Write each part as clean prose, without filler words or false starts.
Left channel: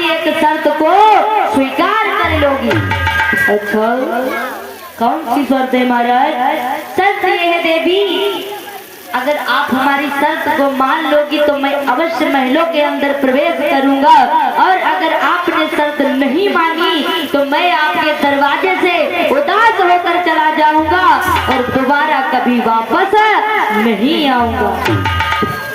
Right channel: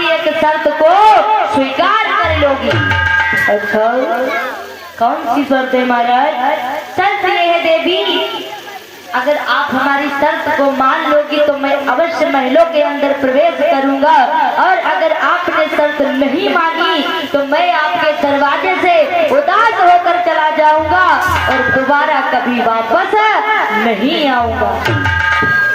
हमारी एक शर्त को स्वीकार कर लोगी। अच्छा, कौन सी शर्त है महाराज? शर्त ये है देवी, अगर आप हमारी शर्त को मान लोगी तो मैं अवश्य महलों के अंदर प्रवेश करूंगा, और अगर आपने शर्त नहीं मानी तो मैं आपके दरवाजे से उदास होकर चला जाऊंगा और दोबारा कभी वापस नहीं आऊंगा।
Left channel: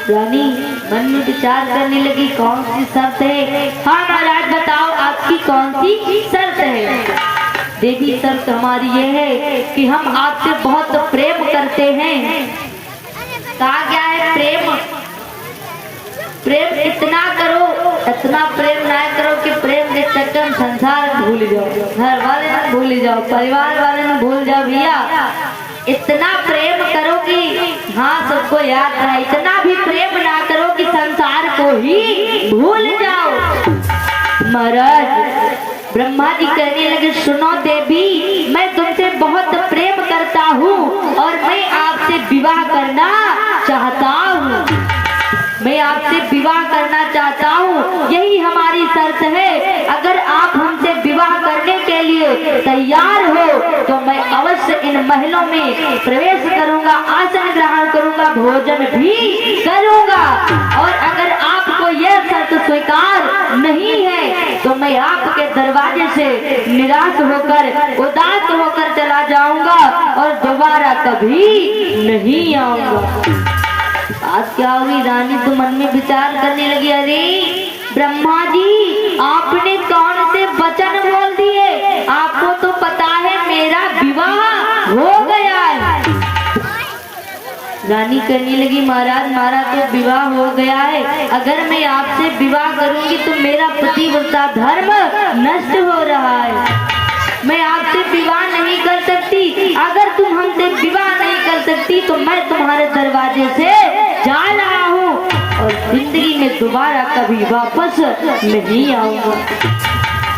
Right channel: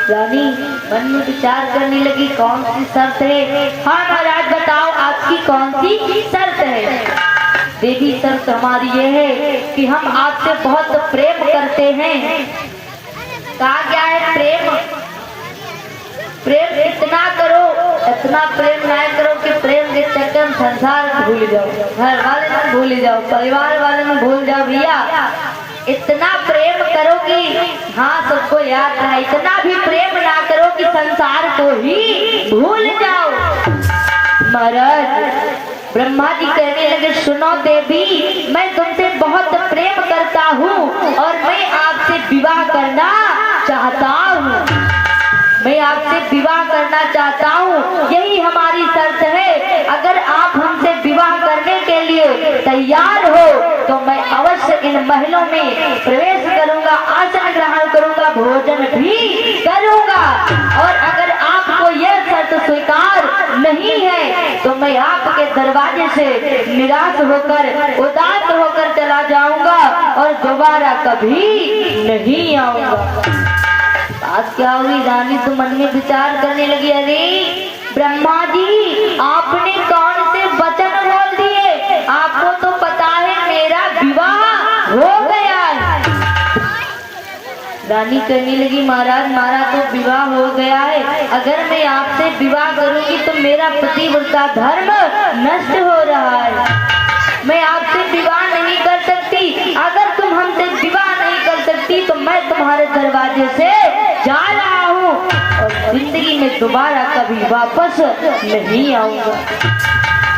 रानी मन में विचार करने लगी, कौन सी शर्त है? हाँ महाराज बताओ, आपकी कौन सी शर्त है? देवी शर्त हमारी ये है कि हम आपसे बहुत प्रेम करते हैं। कहा गया है प्रेम, प्रेम इतना करो, इतना प्रेम ना करो कि प्रेम के चक्कर संसार भूल जाओ, घर वाले ना भूल जाओ, परिवार वाले ना भूल जाओ। भैया इतना प्रेम करो कि हाँ सबको याद रहा, इतना भी प्रेम ना करो कि संसार को ही भूल जाओ। महाराज ब्रह्मा जी कहने लगे, सुनो देवी, मैं तुमसे बहुत प्रेम करता हूँ और मैं आपसे विवाह करना चाहता हूँ, मैं आपसे विवाह करना चाहता हूँ, यही हमारी शर्त है। अगर आप हमसे विवाह करने के लिए तैयार हो तो मैं अवश्य इन महलों में प्रवेश करूंगा, आसन ग्रहण करूंगा, भोजन भी करूंगा, और अगर आपको यह शर्त स्वीकार नहीं है तो मैं आपके दरवाजे से निराश होकर, उदास होकर चला जाऊंगा और दोबारा कभी नहीं आऊंगा। आज क्या हुई? रानी तो मन में विचार करने लगी, अरे ब्रह्मा जी आपने कौन से वचन बोल दिए? आपको तो पता है मेरा विवाह हो गया है। रानी कहने लगी, महाराज हमारा तो विवाह हो गया है, अगर मैं आपसे विवाह करूंगी तो मेरा पतिव्रता धर्म नष्ट हो रहा है, मैं आपसे विवाह नहीं कर सकती। अगर तुम हमसे विवाह नहीं कर सकती तो मैं तुम्हारे दरवाजे से जा रहा हूँ और जिंदगी में दोबारा कभी वापस नहीं आऊंगा।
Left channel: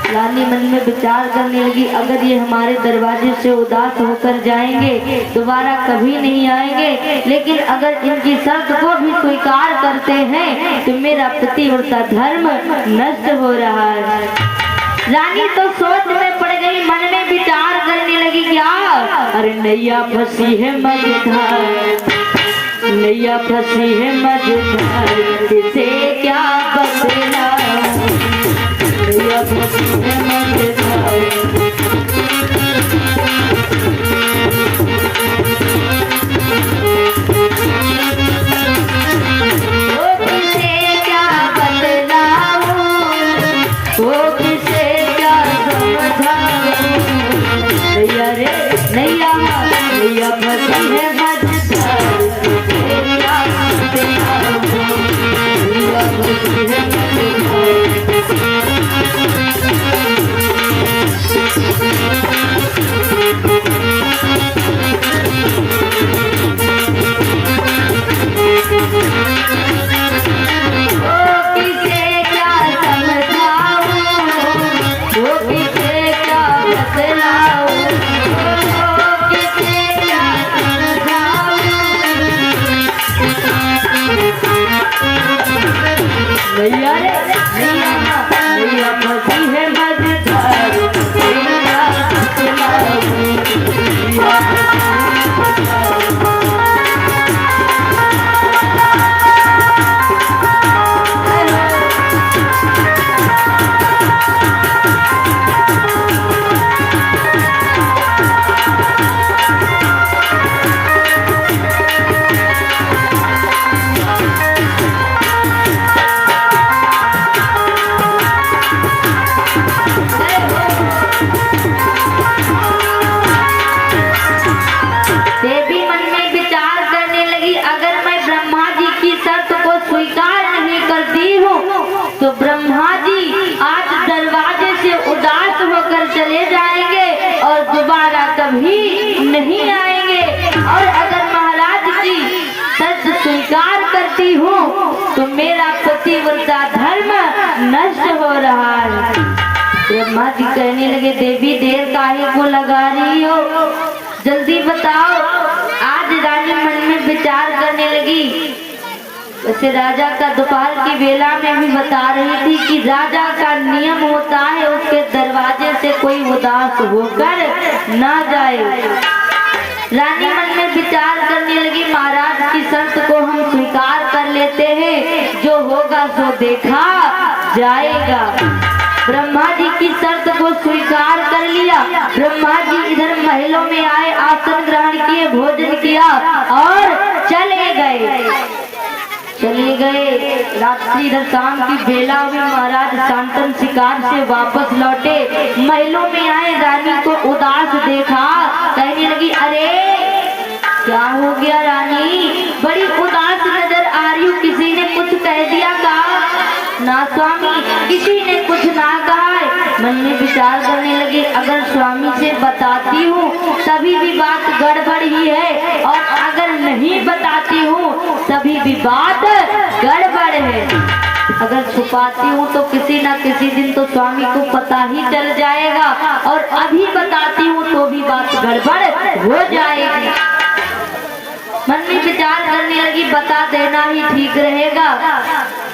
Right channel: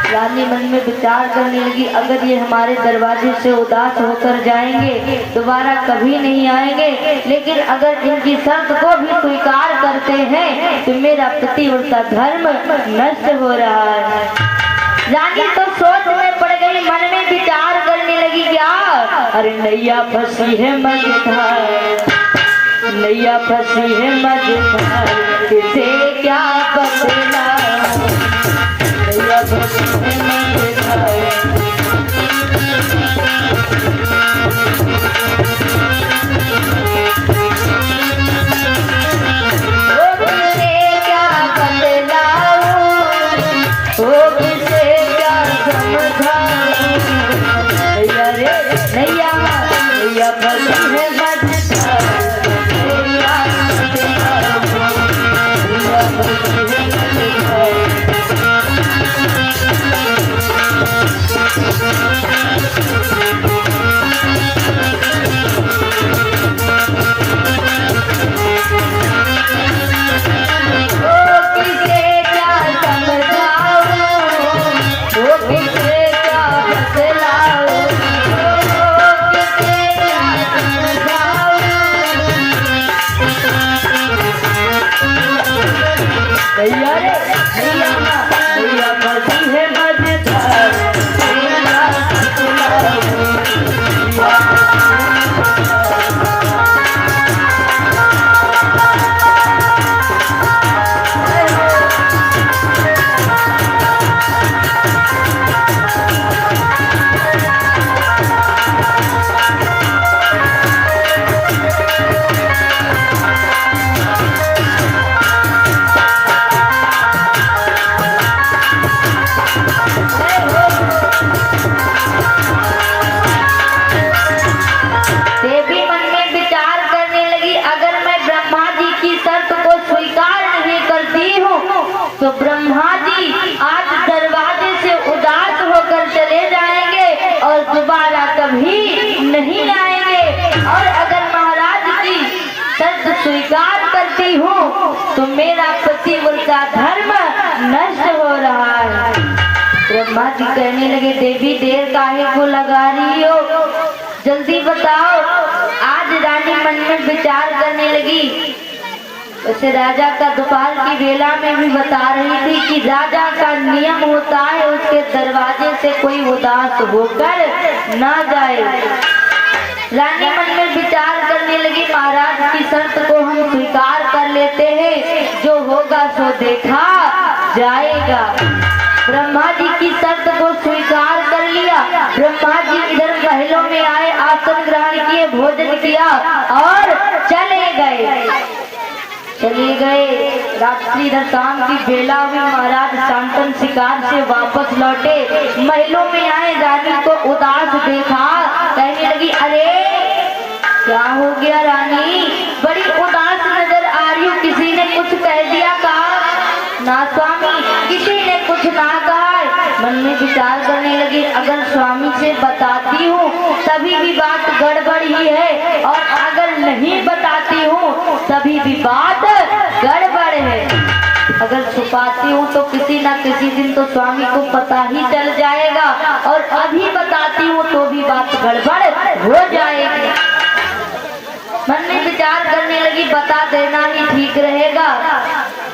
रानी मन में विचार करने लगी, अगर ये हमारे दरवाजे से उदास होकर जाएंगे, दोबारा कभी नहीं आएंगे, लेकिन अगर इनकी शर्त को भी स्वीकार करते हैं तो मेरा पतिव्रता धर्म नष्ट हो रहा है। रानी तो सोच में पड़ गई, मन में विचार करने लगी, क्या? अरे नैया फंसी है मझधार, नैया फंसी है मझधार, किसे क्या बदला, नैया फंसी है मझधार। नैया फंसी है मझधार, नैया फंसी है मझधार, देवी मन में विचार करने लगी, अगर मैं ब्रह्मा जी की शर्त को स्वीकार नहीं करती हूँ तो ब्रह्मा जी आज दरवाजे से उदास होकर चले जाएंगे और दोबारा कभी नहीं आएंगे, और अगर महाराज की शर्त स्वीकार करती हूँ तो मेरा पतिव्रता धर्म नष्ट हो रहा है। ब्रह्मा जी कहने लगे, देवी देर काहे को लगा रही हो, जल्दी बताओ। आज रानी मन में विचार करने लगी, वैसे राजा का दोपहर की बेला में भी बता रही थी कि राजा का नियम होता है उसके दरवाजे से कोई उदास होकर ना जाए। रानी मन में विचार करने लगी, महाराज की शर्त को हम स्वीकार कर लेते हैं, जो होगा सो देखा जाएगा। ब्रह्मा जी की शर्त को स्वीकार कर लिया। ब्रह्मा जी इधर महलों में आए, आसन ग्रहण किए, भोजन किया और चले गए। रात्रि इधर शाम की बेला में महाराज शांतन शिकार से वापस लौटे, महलों में आए, रानी को उदास देखा, कहने लगी अरे क्या हो गया रानी, बड़ी उदास नजर आ रही हो, किसी ने कुछ कह दिया का? ना स्वामी, किसी ने कुछ ना कहा है। मन में विचार करने लगी, अगर स्वामी से बताती हूँ तभी भी बात गड़बड़ ही है, और अगर नहीं बताती हूँ तभी भी बात गड़बड़ है। अगर छुपाती हूँ तो किसी न किसी दिन तो स्वामी को पता ही चल जाएगा, और अभी बताती हूँ तो भी बात गड़बड़ हो जाएगी। मन में विचार करने लगी, बता देना ही ठीक रहेगा।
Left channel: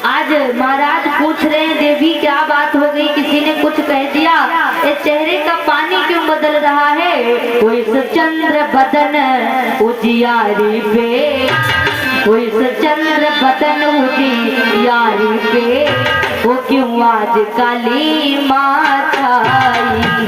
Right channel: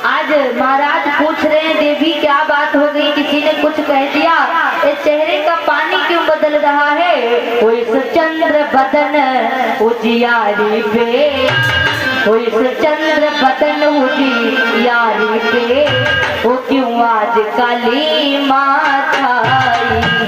आज महाराज पूछ रहे हैं, देवी क्या बात हो गई, किसी ने कुछ कह दिया, इस चेहरे का पानी क्यों बदल रहा है? वो इस चंद्र बदन उजियारी पे, वो इस चंद्र बदन उजियारी पे, वो क्यों आज काली माता आई है?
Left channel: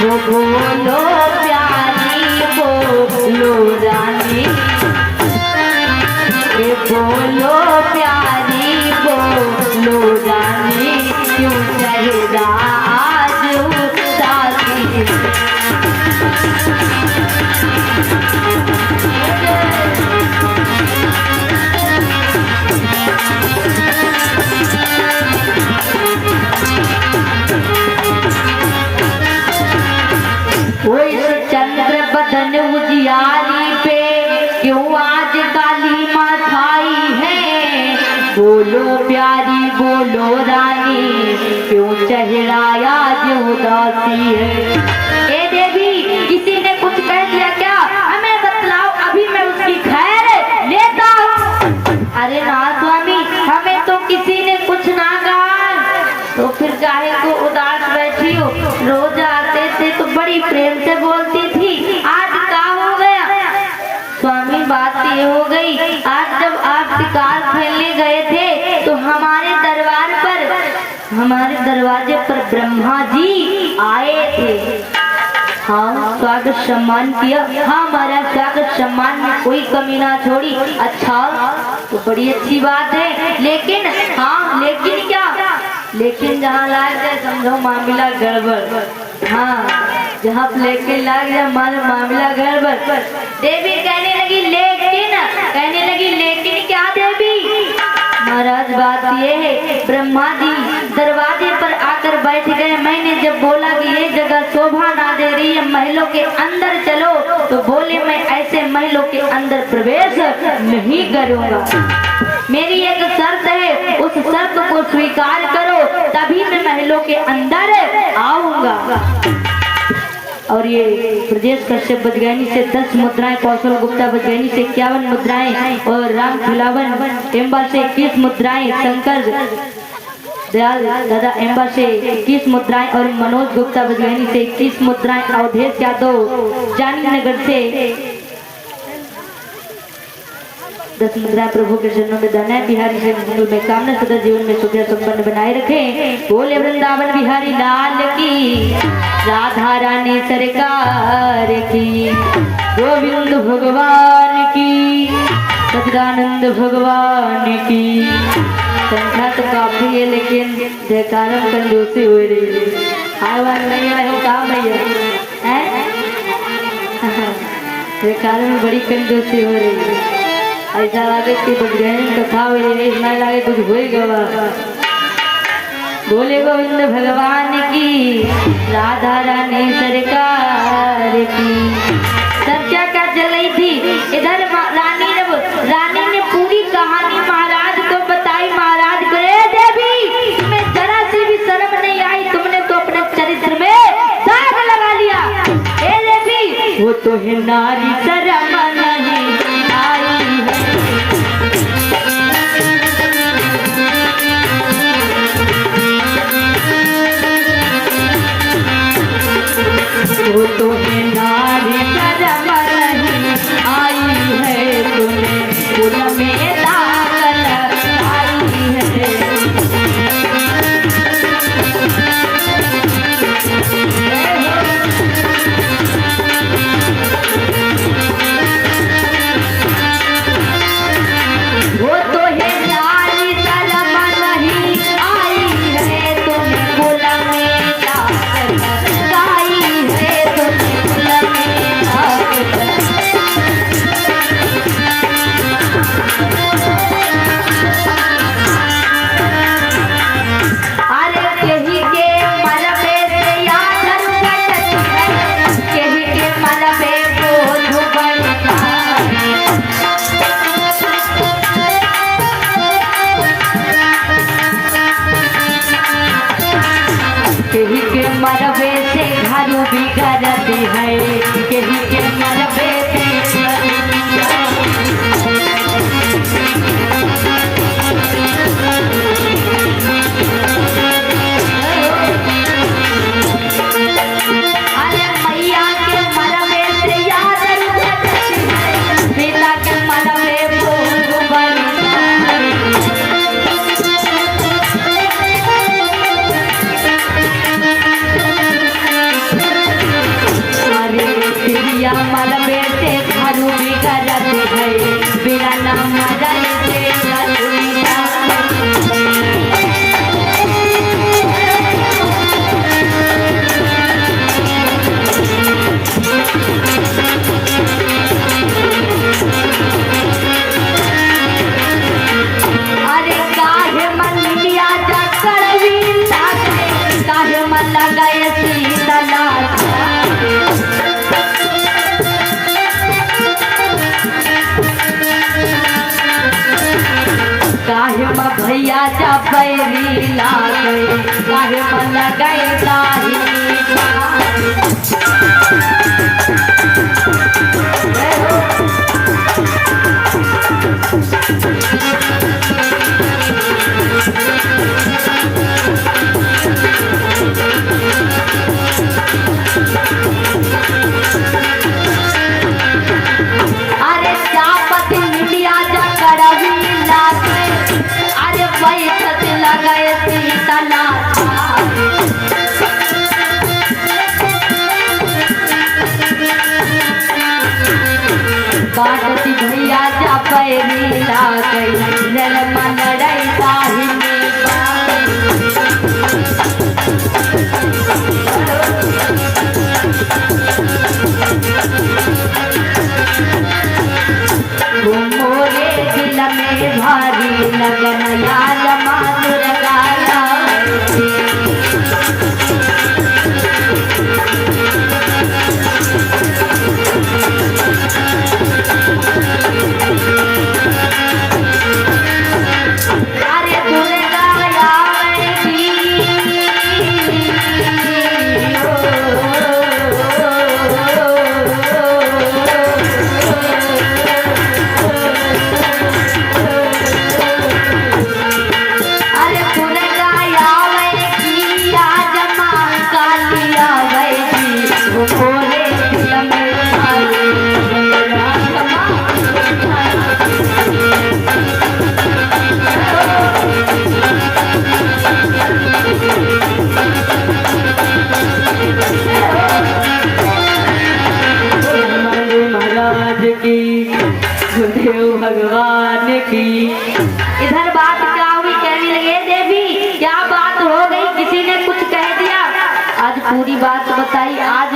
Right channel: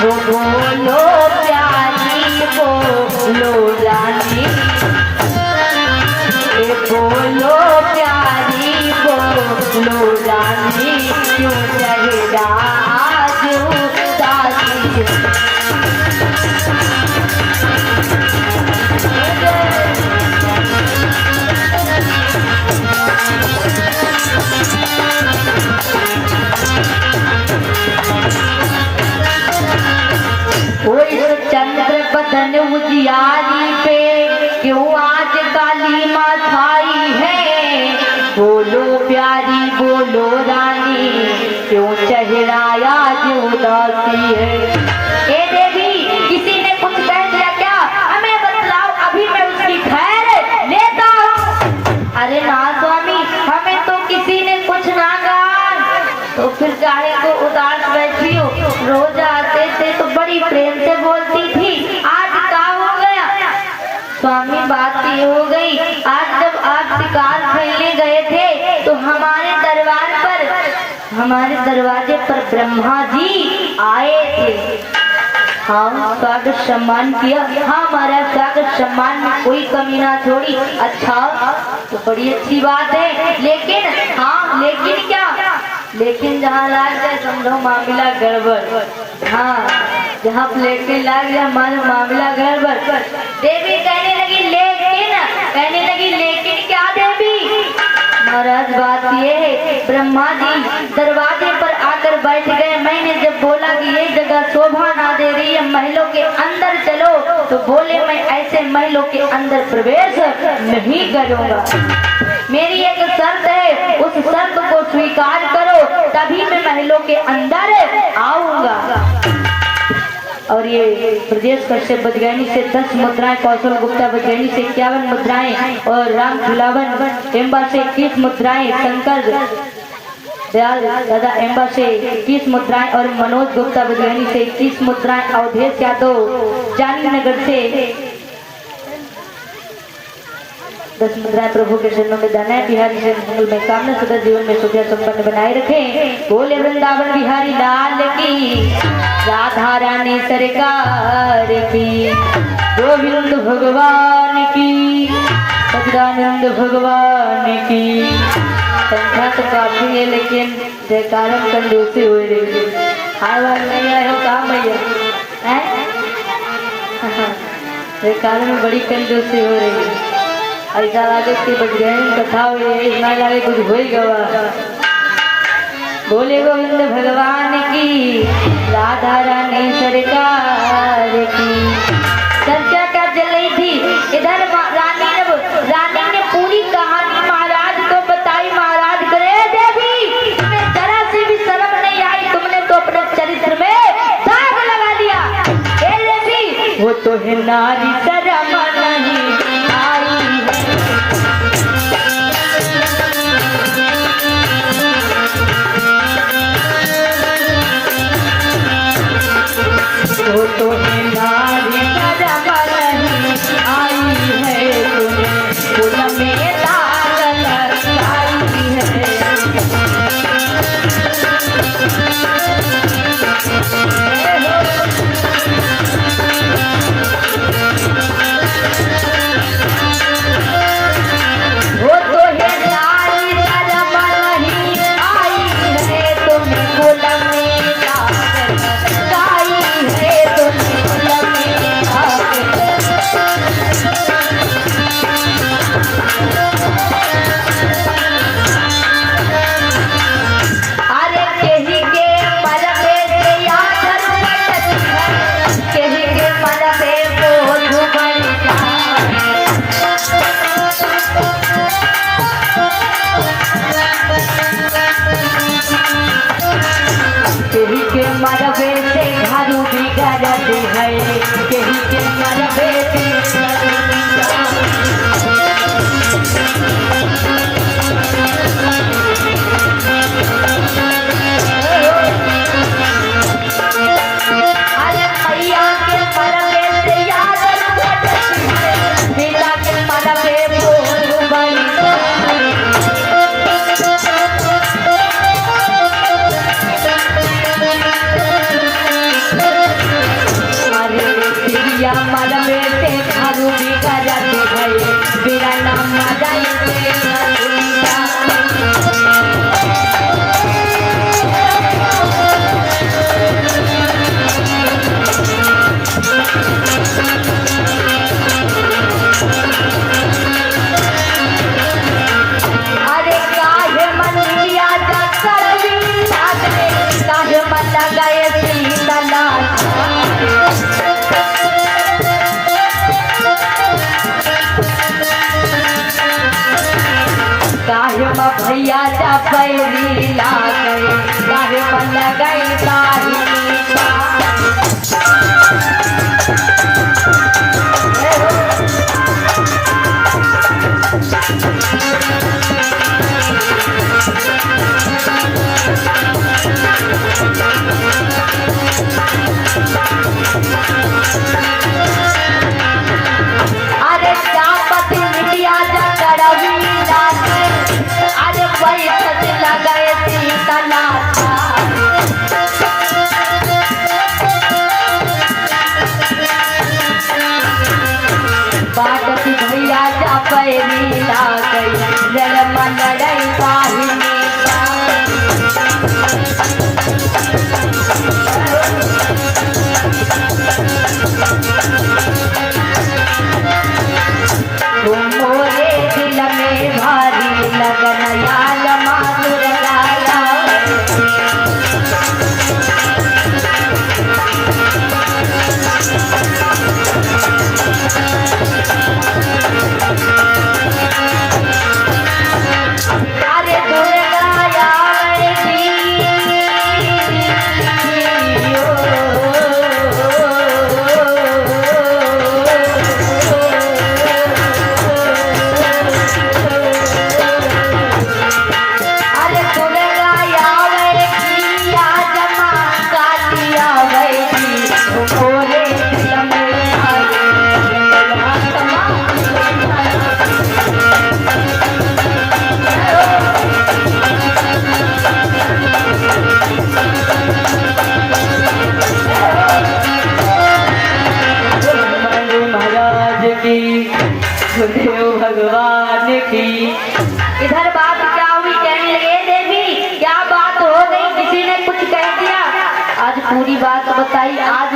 बोलो प्यारी बोलो रानी, बोलो प्यारी बोलो रानी, क्यों चेहरा आज उदासी? चंद्र बदन उजियारी पे क्यों आज काली माँ छाई है? बोलो प्यारी बोलो रानी, क्यों चेहरा आज उदासी है? ए देवी, किसी ने कुछ कह दिया क्या? हमें बतलाओ, अभी मैं उसकी खैर लेता हूँ। अरे ना स्वामी, हमें तो किसी ने कुछ ना कहा। तो फिर काहे को उदास बैठी हो? रोज आते थे तो बड़ी प्रेम से बोलती थी, आज क्या हो गया? स्वामी बात ये हो गई, आज जब आप शिकार खेलने गए थे तो हमारे दरवाजे पर ब्रह्मा जी आए थे। हाँ, स्वागत सम्मान किया। हाँ, हमारा स्वागत सम्मान में कोई कमी ना छोड़ी। अच्छा, तो बड़ी अच्छी बात है, लेकिन हाँ, लेकिन क्या? लेकिन जहाँ लाग जाए समझो मामला गड़बड़। हाँ, जहाँ लेकिन लाग जाए हमारा मामला गड़बड़। देवी कहने लगी लेकिन क्या देवी? महाराज बात ये है, ब्रह्मा जी दरवाजे पर आकर बैठ गए। मैंने जब बोला कि ये जगह शोभा ना दे रही है, महलों के अंदर चलो, तो बोले मैं ऐसे महलों के अंदर प्रवेश नहीं करूँगा। मेरी एक शर्त है, उस शर्त को स्वीकार करो तभी मैं महलों के अंदर आऊंगा। और ये ब्रजेश कश्यप बजगानी से 10 मुद्राएं, कौशल गुप्ता बजगानी से 51 मुद्राएं, और राम खिलावन एम्बा से 21 मुद्राएं, शंकर दयाल दादा एम्बा से 21 मुद्राएं, और मनोज गुप्ता बजगानी से 21 मुद्राएं, अवधेश यादव जानी नगर से 10 मुद्राएं प्रभु के चरणों में दान है। बिहारी से मंगल में कामना सदा जीवन में सुख संपन्न बनाए रखे। बोले वृंदावन बिहारी लाल की, राधा रानी सरकार की, गोविंद भगवान की, सच्चिदानंद भगवान की। संख्या तो काफी है लेकिन जयकारा कंजूसी हो रही है। आवाज नहीं आए हो काम है, जयकारा में बड़ी कंजूसी हो रही है। ऐसा लगे कि बच गए कथा ना लगे कुछ हो गवा। बोले गोविंद भगवान की, राधा रानी सरकार की। चर्चा क्या चल रही थी इधर, रानी ने पूरी कहानी महाराज को बताई। महाराज करे देवी तुम्हें जरा से भी शर्म नहीं आई, तुमने तो अपने चरित्र में दाग लगा लिया। ए देवी वो तो है नारी शर्म नहीं आई है, वो तो है नारी शर्म नहीं आई है, तुम्हें फूल में दाग लगाई है। वो तो है नारी शर्म नहीं आई है, तुम्हें फूल में दाग लगाई है, तुम्हें फूल में दाग अरे केही के मरबे से याद रुपटती है, केही के मरबे बोझ बढ़ता केही के मरबे से घर बिगड़ती है, केही के मरबे से अरे मैया के मरबे से याद रुपटती है, पिता के मरबे बोझ बढ़ता अरे प्रिया मलबे से घर बिगड़ती है, बिना नाम मदन से मलबा अरे काहे मन लिया जा करवी लागे, काहे मन लगाए सीता काहे म भैया जा पैरी लागे, काहे मन लगाए काहे अरे चापत लिया जा करवी लागे, अरे पैसत लगाए सीता बागती भैया जा पैरी लागे, जल मन रई साहिनी मोरे दिल में भारी लगन याद माधुर गाया अरे दुर्गा यावड़ी अरे दुर्गा यावड़ी आज मां कालिया वैदी मोरे दिल में भारी महाराज की, गुरुदेव भगवान की। इधर बात क्या हुई, कहने लगे देवी क्या बात हो गई, किसी ने कुछ कह दिया। आज पूरी बात बताई। आज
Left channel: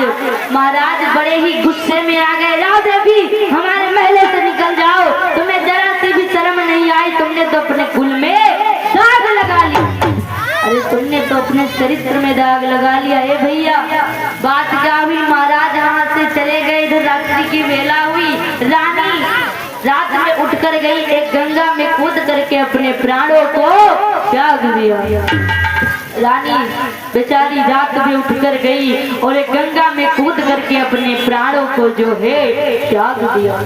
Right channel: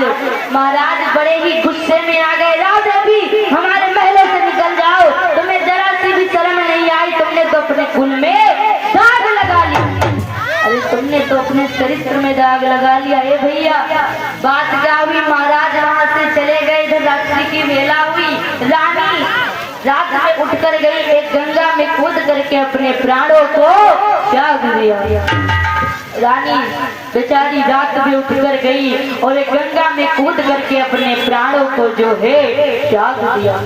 महाराज बड़े ही गुस्से में आ गए, राव देवी हमारे महल से निकल जाओ, तुम्हें जरा तो अपने कुल में दाग लगा लिया। अरे तुमने तो अपने चरित्र में दाग लगा लिया। ए भैया, बात क्या हुई? महाराज वहां से चले गए, इधर रात्रि की वेला हुई। रानी रात में उठकर गई, एक गंगा में कूद करके अपने प्राणों को त्याग दिया। रानी बेचारी रात में उठकर गई और एक गंगा में कूद करके अपने प्राणों को जो है त्याग दिया।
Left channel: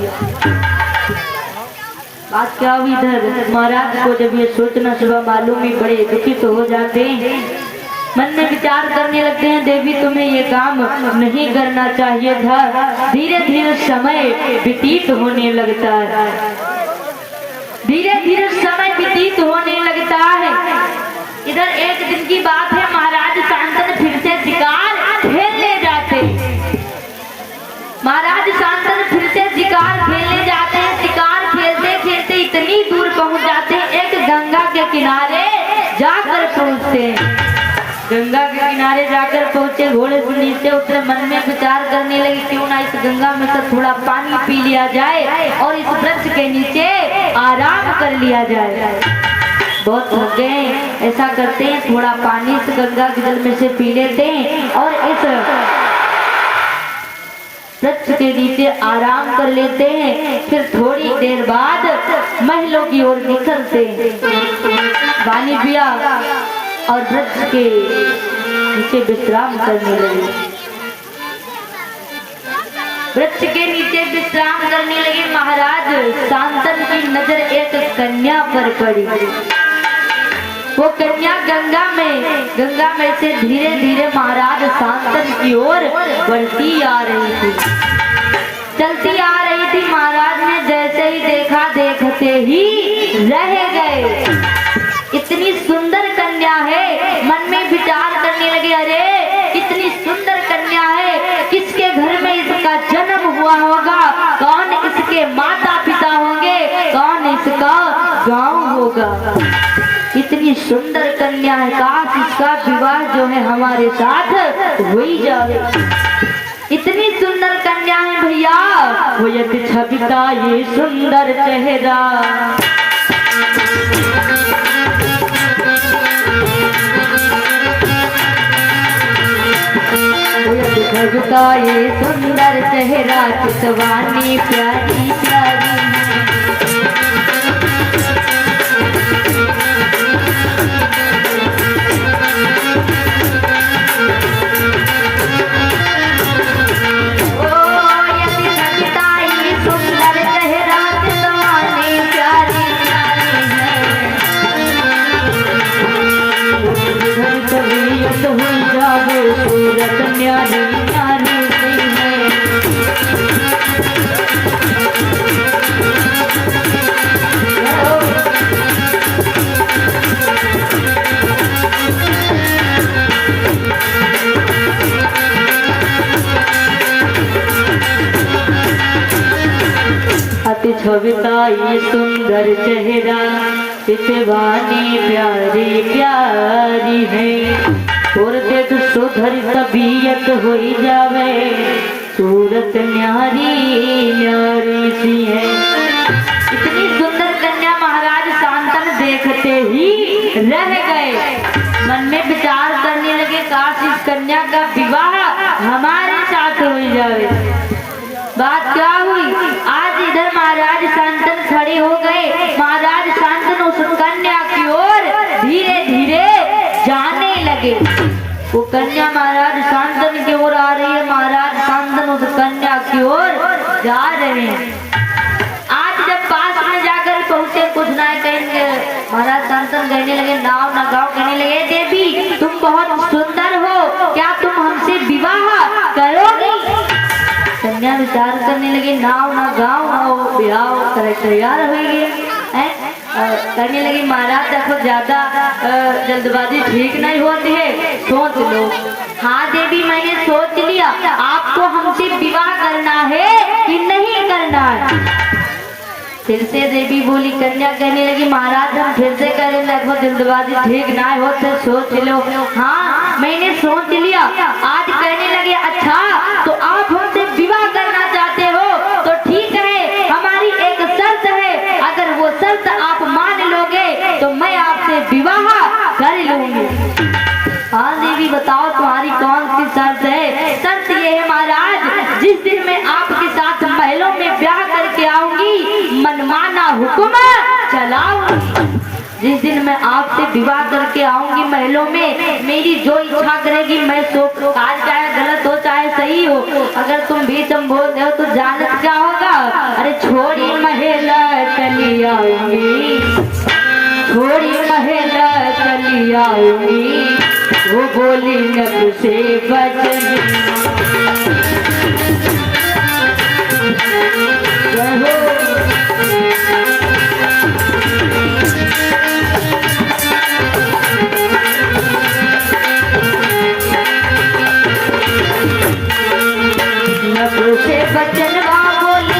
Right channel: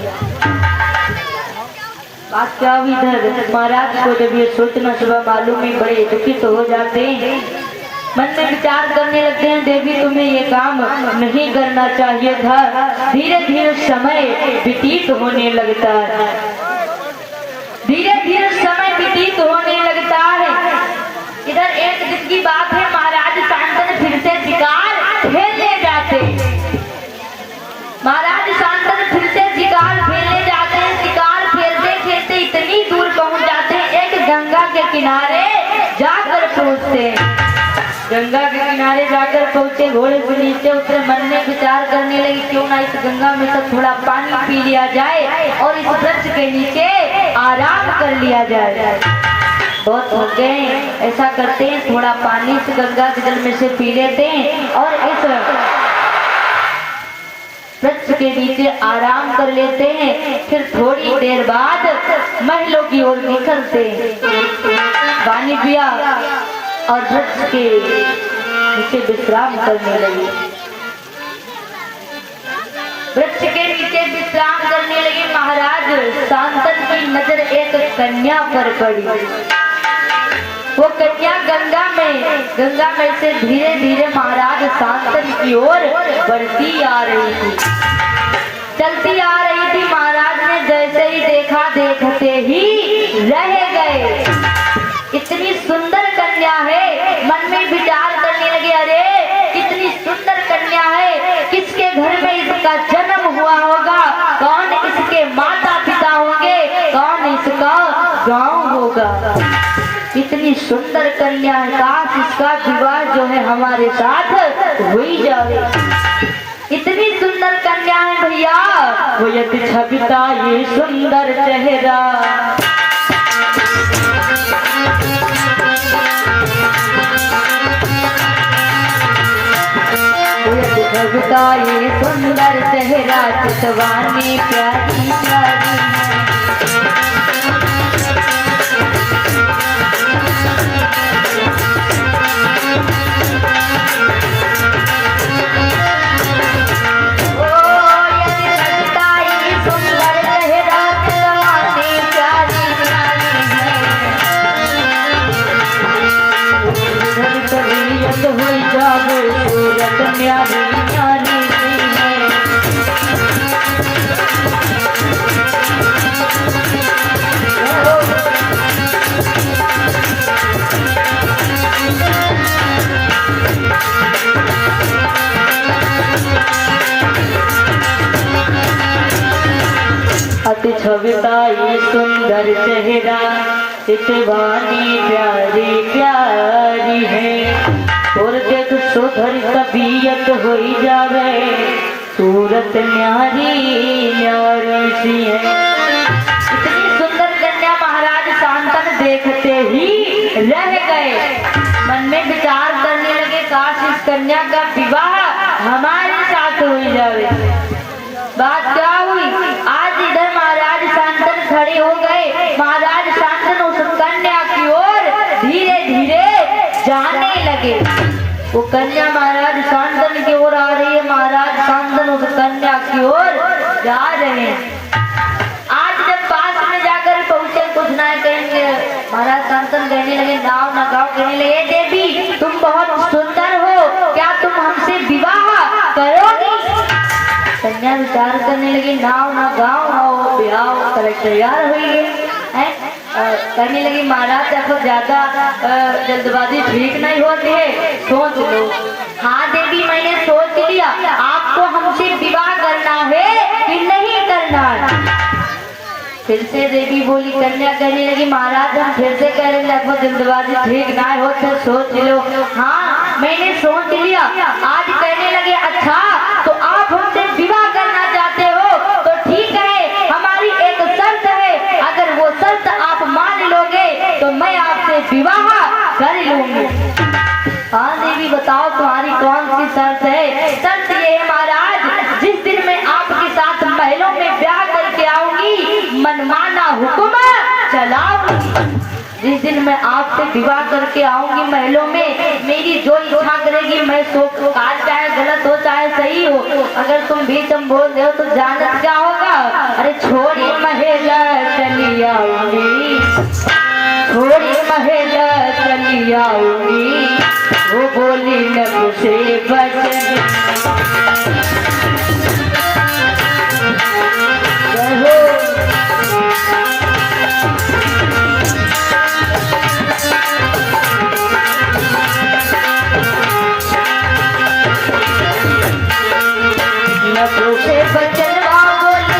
बात क्या हुई? इधर महाराज को जब ये सोचना सुबह मालूम ही बड़े दुखित तो हो जाते हैं। मन में विचार करने लगते हैं, देवी तुम्हें ये काम नहीं करना चाहिए था। धीरे धीरे समय व्यतीत होने लगता है, धीरे धीरे समय व्यतीत होने लगता है। इधर एक दिन की बात है, महाराज शांतन फिर से शिकार खेलने जाते। महाराज शांतन फिर से शिकार खेलने जाते हैं। शिकार खेलते खेलते इतनी दूर पहुंच जाते हैं, एक गंगा के किनारे जाकर पहुंचते हैं। गंगा के किनारे जाकर पहुंचे, घोड़े से नीचे उतरे, मन में विचार करने लगे क्यों ना इस गंगा में से थोड़ा पानी पी लिया जाए और इस वृक्ष के नीचे आराम कर लिया जाए। बहुत थक गए, ऐसा करते हैं थोड़ा पानी इस गंगा के जल में से पी लेते हैं और इस वृक्ष के नीचे आराम कर लेते हैं। फिर थोड़ी देर बाद महलों की ओर निकलते हैं। पानी पिया और वृक्ष के नीचे विश्राम करने लगे। वृक्ष के नीचे विश्राम करने लगे। महाराज शांतन की नजर एक कन्या पर पड़ी। वो कन्या गंगा में से धीरे धीरे महाराज शांतन की ओर बढ़ती आ रही थी, चलती आ रही थी। महाराज ने जैसे ही देखा, देखते ही रह गए। इतनी सुंदर कन्या है, मन में विचार करने लगे, अरे कितनी सुंदर कन्या है, किसके घर में इसका जन्म हुआ होगा, कौन इसके माता पिता होंगे, कौन इसका गांव होगा। इतनी सुंदर कन्या है, काश इसका विवाह जो है हमारे साथ हो ही जाए। इतनी सुंदर कन्या है भैया, वो यदि छविता ये सुंदर चेहरा, भगता ये सुंदर चेहरा, चितवानी प्यारी प्यारी न्यारी न्यारी अति छविता ये सुंदर चेहरा, चितवानी प्यारी प्यारी है। और देख सुधर तबीयत हो जावे, सूरत न्यारी न्यारी सी है। इतनी सुंदर कन्या महाराज शांतन देखते ही रह गए। मन में विचार करने लगे, काश इस कन्या का विवाह हमारे साथ हो जावे। बात क्या हुई? आज इधर महाराज शांतन खड़े हो गए। महाराज शांतन उस कन्या की ओर धीरे धीरे जाने लगे। वो कन्या महाराज शांतन की ओर आ रही है, महाराज शांतन उस कन्या की ओर जा रहे हैं। आज जब पास में जाकर पहुंचे, कुछ ना कहेंगे, महाराज शांतन कहने लगे, नाव ना गाँव कहने लगे, देवी तुम बहुत सुंदर हो, क्या तुम हमसे विवाह करोगी? कन्या विचार करने लगे, नाव ना गाँव ना ब्याह करे तैयार हुई है। कहने लगी, महाराज देखो ज्यादा जल्दबाजी ठीक नहीं होती है, सोच लो। हाँ देवी मैंने सोच लिया, आपको हमसे विवाह करना है कि नहीं करना है? फिर से देवी बोली। कन्या कहने लगी, महाराज हम फिर से कह रहे देखो जल्दबाजी ठीक ना होते, सोच लो। हाँ मैंने सोच लिया। आज कहने लगे, अच्छा तो आप हमसे विवाह करना चाहते हो तो ठीक है, हमारी एक शर्त है, अगर वो शर्त आप मान लोगे विवाह कर लूंगी। हाँ देवी बताओ तुम्हारी कौन सी शर्त है? शर्त ये है महाराज, जिस दिन मैं आपके साथ महलों में ब्याह करके आऊंगी मनमाना हुक्म चलाऊंगी। जिस दिन मैं आपसे विवाह करके आऊंगी महलों में, मेरी जो इच्छा करेगी मैं सो काज, चाहे गलत हो चाहे सही हो, अगर तुम बीच में बोल रहे हो तो जानत क्या होगा? अरे छोड़ी महल चली आऊंगी, छोड़ी महल चली आऊंगी, वो बोली नब से बचना।